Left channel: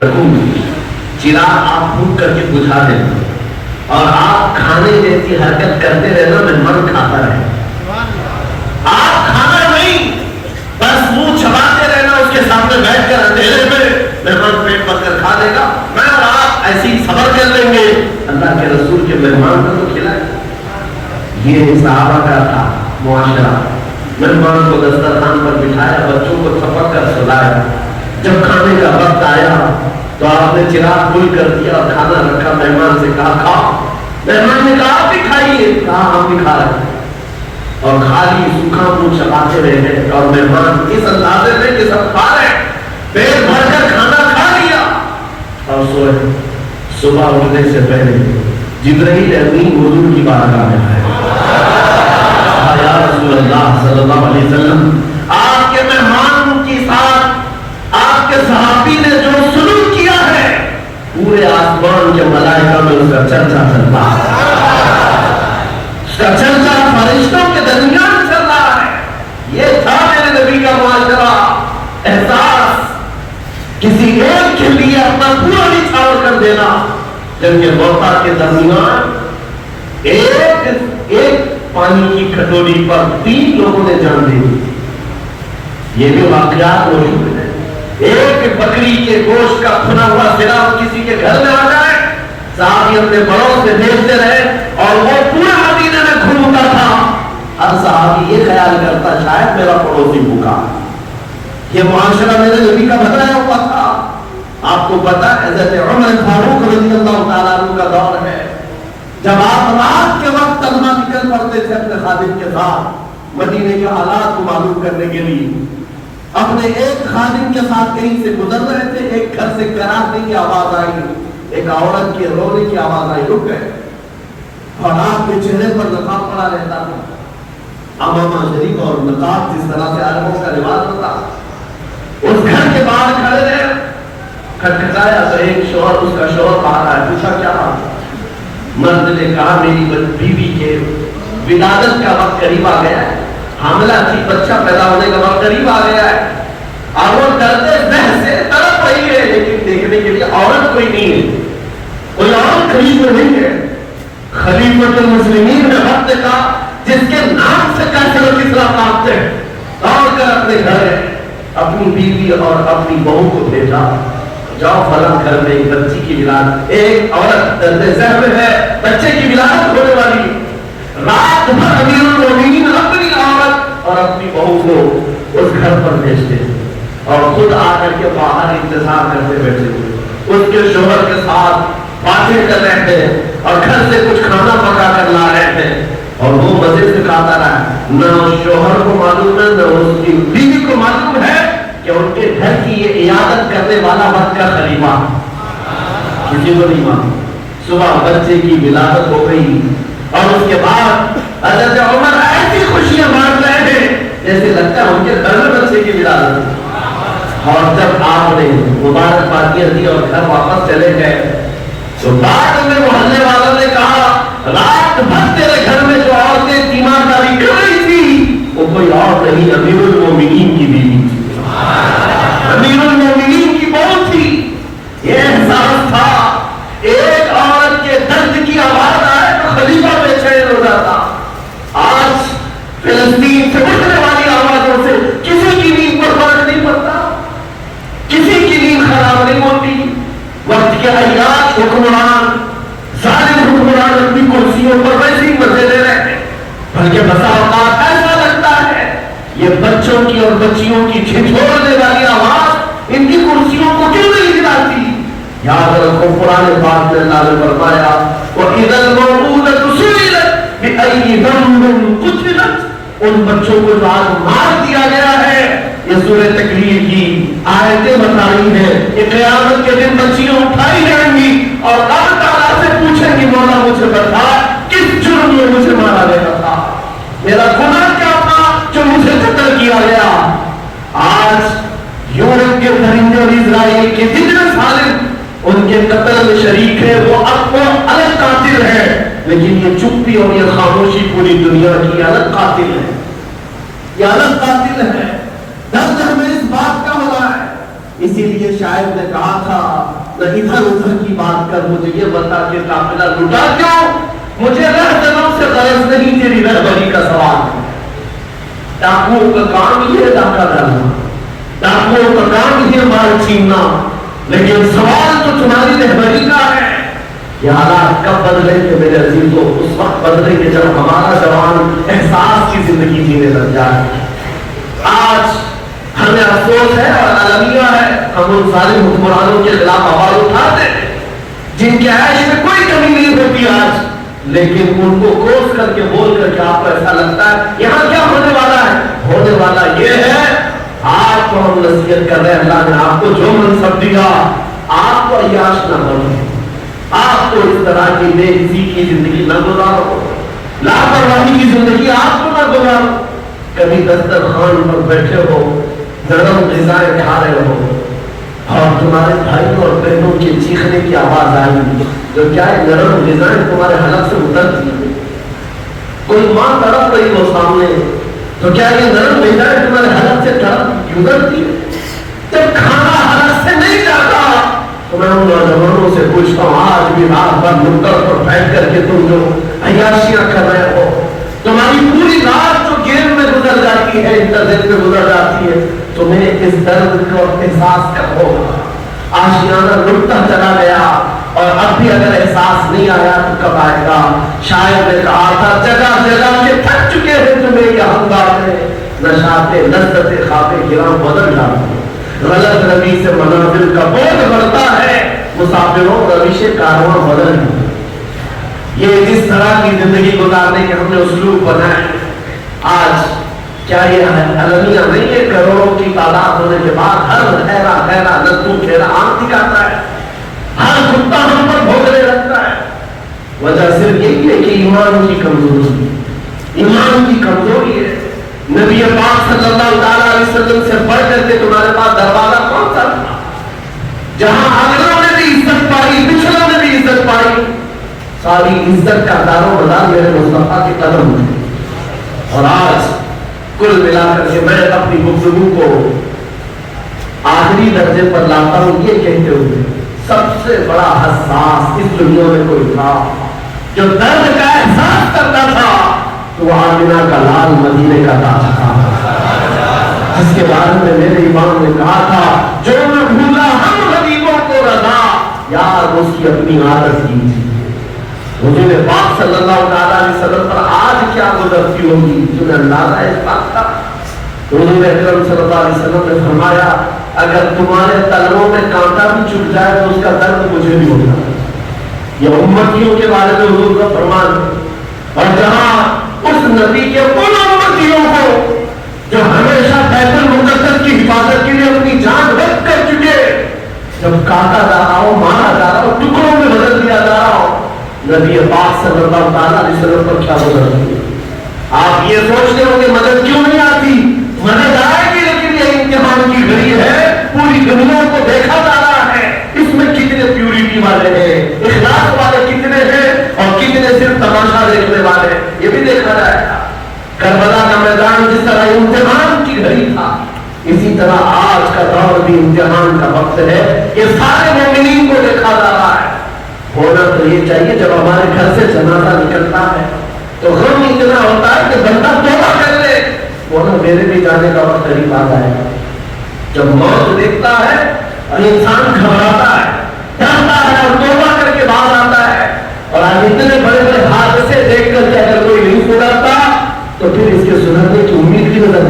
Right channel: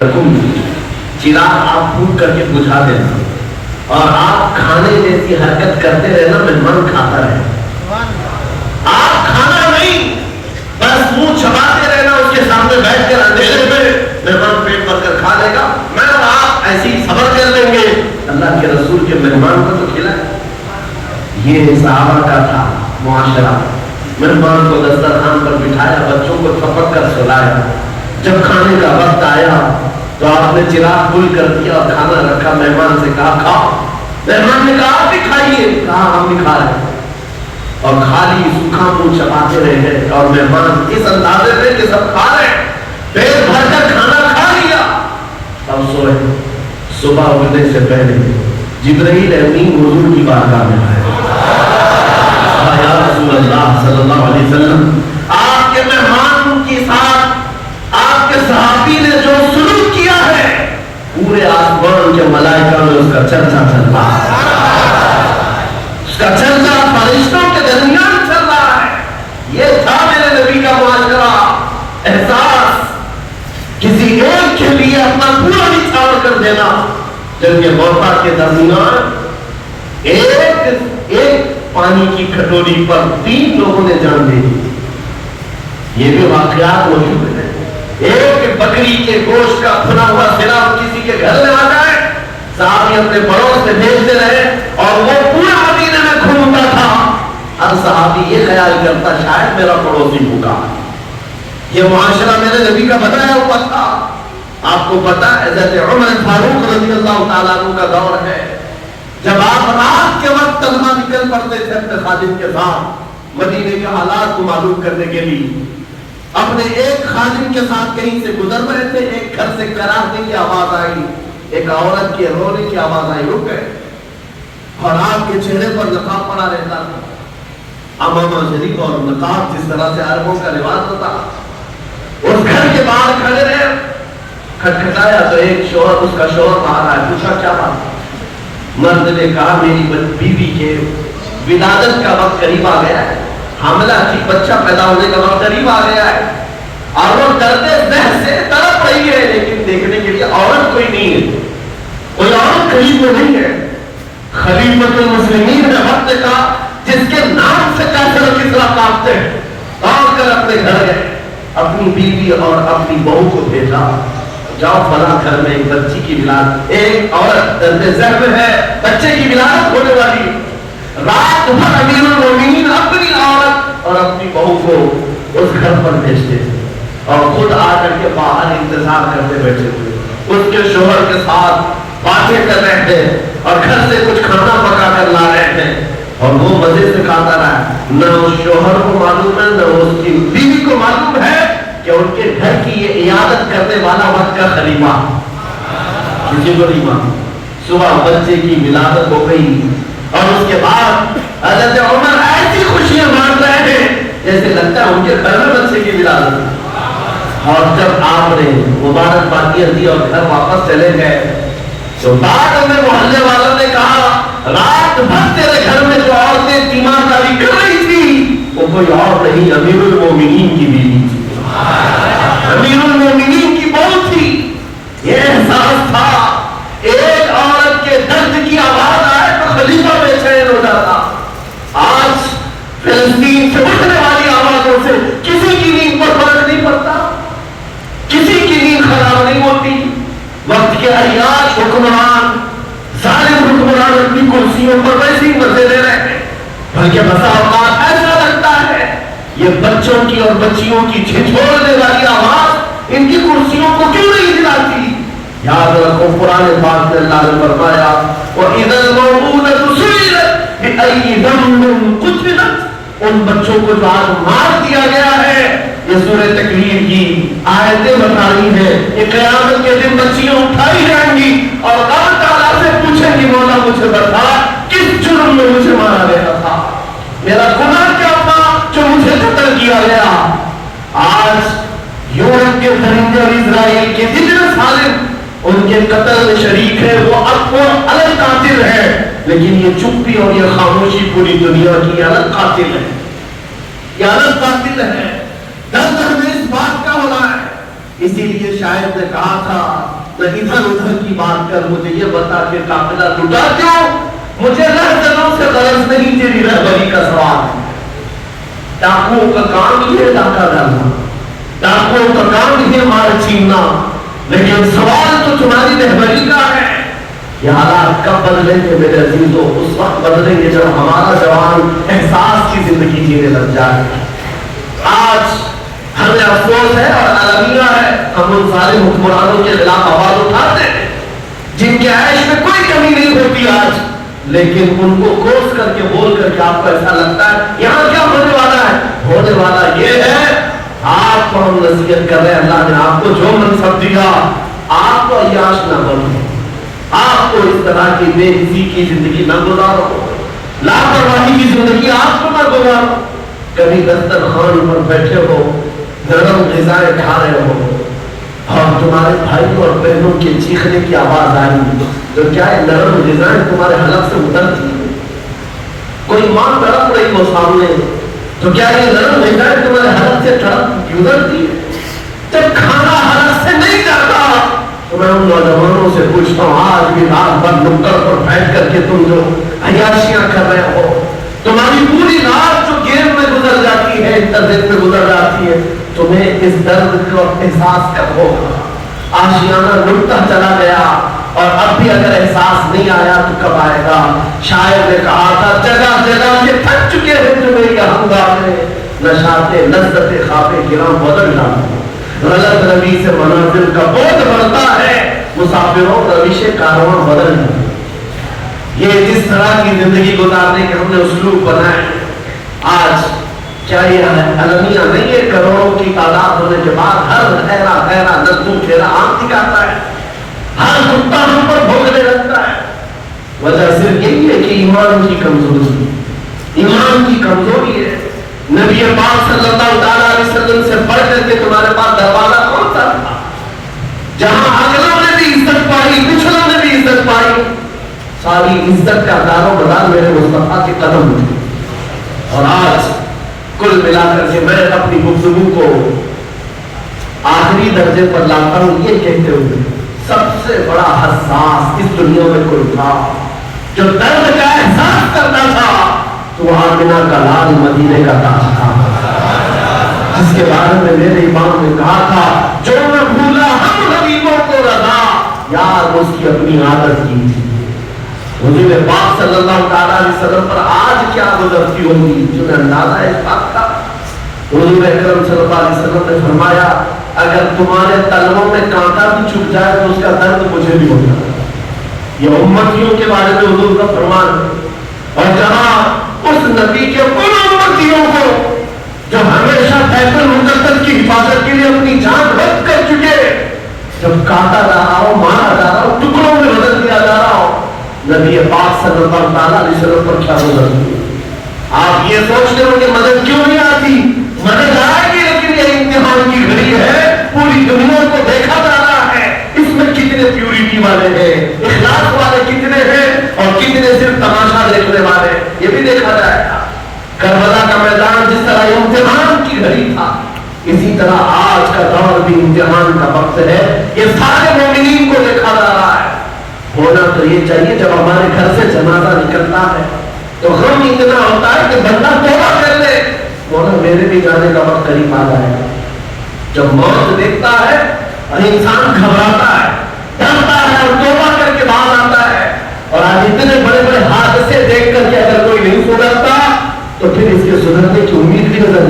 चिराग आप फूंक करके बुझा देना और आप खाने जैसी हरकत करते रहना, मेहमान खाता रहे। आप खाना नहीं, बस मुंह चबाते रहना, उसके सामने बैठ कर अंधेरे में मेहमान पेट भर कर खा लेगा। मैं और आप ऐसे ही सबर कर लेंगे, अल्लाह के रसूल के मेहमान को तो खिलाए। ये सहाबा का था मुआशरा। मेहमान को दस्तरखान पर बिठाया, बच्चों को थपक कर सुलाया। जब खाने का वक्त आया तो आपने चिराग गुल कर दिया और खाना रखा, मेहमान से कहा खाओ। मेहमान ने कहा आप भी खाइए, कहा हम भी खा रहे और खाली सूखा मुंह चबाते रहे। और मेहमान इस अंदाजे में कि सब खा रहे, पेट भरकर खाना खा लिया और सोए। सुबह उठने से पहले जिब्राइल अमीन हुजूर की बारगाह में आए। रसूलुल्लाह सल्लल्लाहु अलैहि वसल्लम आपके मेहमान के साथ आपके सहाबी ने जो सुलूक किया है, पूरे आसमान के मलाइका में उसका चर्चा चलता है, उसका चर्चा फरिश्तों के दरमियान चल रहा है। ये था मेरे नबी का माजरा, एहसास किसी एक के लिए अपना पूरा निछावर कर देना। जबकि मौता के दरमियान एक पानी की कटोरी पर 3 लोगों ने जान दी। ये भी वाकयात मौजूद है। एक बकरी के गोश्त का खुला हुआ सिरा किसी के घर में आ जाए, साहबी अपने बड़ों से भेजते रहे और वो पूरा मदीने में घूमता था। हर सहाबी ये ख्याल करता शायद मेरा पड़ोसी भूखा। ये मुआशरा मेरे नबी का बताया हुआ था। आपको पता है हज़रत उमर फारूक रज़ियल्लाहु ताला अन्हु का दौर है, जब आप रात के वक्त तन्हा निकल पड़ते थे अपने खादिम के साथ मदीने के हालात को मालूम करने के लिए। अपने एक खादिम के साथ कहीं से गुजर रहे थे, एक घर से कराहने की आवाज आई, एक औरत के रोने की आवाज आई, रुक गए और आपके चेहरे पर नकाब पड़ा रहता था। अमामा शरीफ और नकाब जिस तरह से अरबों का रिवाज होता, उस घर के बाहर खड़े रहे, खटखटाया तो एक शोहर, उसका शोहर बाहर आया, पूछा क्या बात। मर्द ने कहा मेरी बीवी के विलादत का वक्त करीब आ गया है, हामिला थी, बच्चा पैदा होने का वक्त करीब आ गया है और वो डरते बहस से तड़प रही है, लेकिन देखने के लिए औरत कोई नहीं है, कोई औरत करीब में नहीं है। खलीफतुल मुस्लिमीन ने वक्त कहा जिसके नाम से काफिर किसरा कांपते हैं, दौड़ कर अपने घर गए, अपनी बीवी और अपनी बहू को भेजा, जाओ फला घर में एक बच्ची की विलादत, एक औरत दर्द ज़हम है, बच्चे की विलादत होने वाली। रात भर अमीरुल मोमिनीन अपनी औरत और अपनी बहू को उस घर पर भेजते और खुद आकर के बाहर इंतजार करते बैठे थे। उसके शोहर के साथ बातें कर रहे थे और घर से कुछ खाना पका कर ला रहे थे और वो मजे से खाता रहा। न शोहर को मालूम है न उसकी बीवी को मालूम है कि उनके घर की ये इयादत करने वाला वक्त का खलीफा किसी को नहीं मालूम। सुबह बच्चे की विलादत हो गई और उसके बाद हज़रत उमर ऐसी खुशियां मार रहे थे जैसे लगता है उनके घर में बच्चे की विलादत। और जब आपने मुबारकबादियां दी और घर वापस चले गए तो बाद में मोहल्ले वालों ने कहा रात भर तेरे घर में जो औरतें तीमारदारी कर रही थी वो कोई और नहीं, अमीरुल मोमिनीन की बीवी थी, अमीरुल मोमिनीन की बहू थी। ये एहसास था, एक औरत के दर्द की आवाज आए तो खलीफा बेचैन हो जाता। आज फिलिस्तीन से उठने वाली आवाजों से किसी की नींद पर फर्क नहीं पड़ता, किसी की नींद खराब नहीं होती। वक्त के अय्याश हुक्मरान, जालिम हुक्मरान अपनी कुर्सियों पर वैसे ही मजे ले रहे हैं। बल्कि बसा औकात ऐसा लगता है ये बच्चों की और बच्चियों की छिछोड़ने वाली आवाज इनकी कुर्सियों को क्यों नहीं हिलाती। याद रखो कुरान पाक में अल्लाह ने फरमाया वइदल मौऊदतु सुइलत बिअय्यि ज़ंबिन कुतिलत, उन बच्चों को जो आज मार दिया गया है, ये सूरह तकरीर की आयतें बताई है। ये क़यामत के दिन बच्चियां उठाई जाएंगी और अल्लाह ताला से पूछेंगी मौला मुझे बता किस जुर्म में मुझे मारा गया था, मेरा गुनाह क्या था जो मुझे कत्ल किया गया। आज यूरोप के दरिंदे और इजराइल के जितने सालिम उनके कत्ल में शरीक है, वो अपना अलग कातिल है, लेकिन ये चुप्पी और ये खामोशी पूरी दुनिया की अलग कातिल है, ये अलग कातिल है। दर्द हमें इस बात का हो रहा है। इसीलिए शायद ने कहा था ادھر ادھر کی بات کر، مجھے یہ بتا کہ قافلہ لٹا کیوں؟ مجھے رہزنوں سے غرض نہیں، تیری رہبری کا سوال۔ ڈاکوؤں کا کام یہ ڈاکہ ڈالنا، ڈاکوؤں کا کام یہ مال چھیننا، لیکن سوال تو تمہاری رہبری کا ہے۔ یہ حالات کب بدلے تھے میرے عزیزوں؟ اس وقت بدلے کہ جب ہمارا جوان احساس کی زندگی جینے لگ جائے۔ آج ہمیں افسوس ہے اور المیہ ہے، ہم ان سارے حکمرانوں کے خلاف آواز اٹھاتے ہیں جن کے عیش میں کوئی کمی نہیں ہوتی آج، لیکن ان کو کوس کر کے بول کر کے آپ کو ایسا لگتا ہے یہاں کیا ہونے والا ہے؟ ہونے والا یہ ہے، آپ کو ہم نصیحت کر رہے ہیں، اللہ نے آپ کو جو منصب دیا آپ کو عیاش نہ بنو، آپ کو اس طرح کی بے عزتی کی زندگی نہ گزارو، لاپرواہی کی زندگی آپ کو نہ گزارو۔ کبھی دسترخوان پر بیٹھے ہو، نرم غذائیں کھا رہے ہو اور تمہارے بھائی اور بہنوں کے چیخنے کی آواز آئی تو کیا نرم غذائیں تمہارے حلق سے اترتی؟ کوئی ماں تڑپ رہی ہو سامنے تو کیا یہ نرم غذائیں تمہارے حلق سے گزرتی؟ جب کھانا حلق سے نہیں جاتا تو میں ان نوجوانوں سے پوچھتا ہوں، آج بھی رات بھر نکڑ پر بیٹھ کر کے تم جو عیاشیاں کر رہے ہو، تمہاری پوری رات جو گیم میں گزر جاتی ہے، انٹرنیٹ میں گزر جاتی ہے، تمہیں اس درد کو احساس کب ہوگا؟ آشیانہ لٹتا چلا گیا اور اب بھی اگر احساس نہیں آیا تو کب آئے گا؟ شاید نے کہا تھا جگہ جگہ سے تھک چکے ہیں تمہیں یہ ہنگامے، نشاط لذت خواب گراں بدل جاتے ہیں، غلط روی سے منازل کا بوجھ بڑھتا ہے، مسافروں روش کارواں بدل جاتے ہیں۔ یہ جس طرح کی زندگی گزارنے کے ہم نے اسلوب بنائے، آج کیا یہ المیہ نہیں ہے؟ کروڑوں کی تعداد ہونے کے بعد ہر گہرا گہرا لطو پھیرا آنکھ دکھاتا ہے، ہر کتا ہم پر بھوکنے لگتا ہے۔ وجہ صرف یہی ہے کہ ایمان کی کمزوری، ایمان کی کمزوری ہے۔ نبی پاک صلی اللہ علیہ وسلم سے بڑھ کر کے تمہارے پاس دروازہ کون سا تھا؟ جہاں اگلوں نے بھی عزت پائی، پچھلوں نے بھی عزت پائی، ساری عزت کا دار و مدار میرے مصطفیٰ کے قدم تھے۔ اور آج کل ملا کر کے میں اپنی گفتگو کو آخری درجے پر لاتا ہوں یہ کہتے ہوئے، سب سے بڑا حساس اس دنیا میں کوئی تھا جو درد کا احساس کرتا تھا تو وہ آمنہ کا لال مدینے کا تاج تھا، جس کے بارے میں میرے امام نے کہا تھا جو نہ بھولا ہم حبیبوں کو رضا، یاد اس کی اپنی عادت کی تھی۔ حضور پاک صلی اللہ علیہ وسلم پر آج کیا گزرتی ہوگی تمہیں اندازہ ہے اس بات کا؟ حضور اکرم صلی اللہ علیہ وسلم نے فرمایا اگر تمہارے تلووں میں کانٹا بھی چبھ جائے تو اس کا درد مجھے بھی ہوگا۔ یہ امتیوں کے بارے میں حضور کا فرمان ہے، اور جہاں اس نبی کے ان امتیوں کو جو ہمیشہ بیت المقدس کی حفاظت کے لیے اپنی جان وقف کر چکے، جب کاٹا جا رہا ہو، مارا جا رہا ہو، ٹکڑوں میں بدل دیا جا رہا ہو، نبی پاک صلی اللہ علیہ وسلم پر کیا گزرتی ہے؟ آپ یہ سوچتے ہو کہ مدد کیوں نہیں آتی؟ مدد آئے گی لیکن یہ امتحان کی گھڑی ہے، پوری دنیا کو دیکھا جا رہا ہے اس میں کتنے پیوریٹی والے ہیں، اخلاص والے کتنے ہیں اور کتنے صرف تماشا دیکھنے والے، یہ بھی دیکھا جائے گا۔ کربلا کا میدان جس طرح امتحان کی گھڑی تھا، اسی طرح آج کا دور بھی امتحان کا وقت ہے، یہ سارے مومنین کو دیکھا جا رہا ہے۔ ہونا تو یہ چاہیے جب ہمارے گھر سے جنازہ نکلتا ہے تو غم اتنا ہوتا ہے کہ بندہ توبہ کر لے، ہونا میرے بھی جانے کا وقت قریب آ جائے گا۔ جب موت دیکھتا ہے اور انسان گھبراتا ہے، ڈرتا ہے اور توبہ کر کے باہر آتا ہے، اور آج اتنے بڑے بڑے حادثے دیکھ کر کے اگر کوئی نہیں سدھرتا تو پھر اس کے سدھرنے کی امید بھی نظر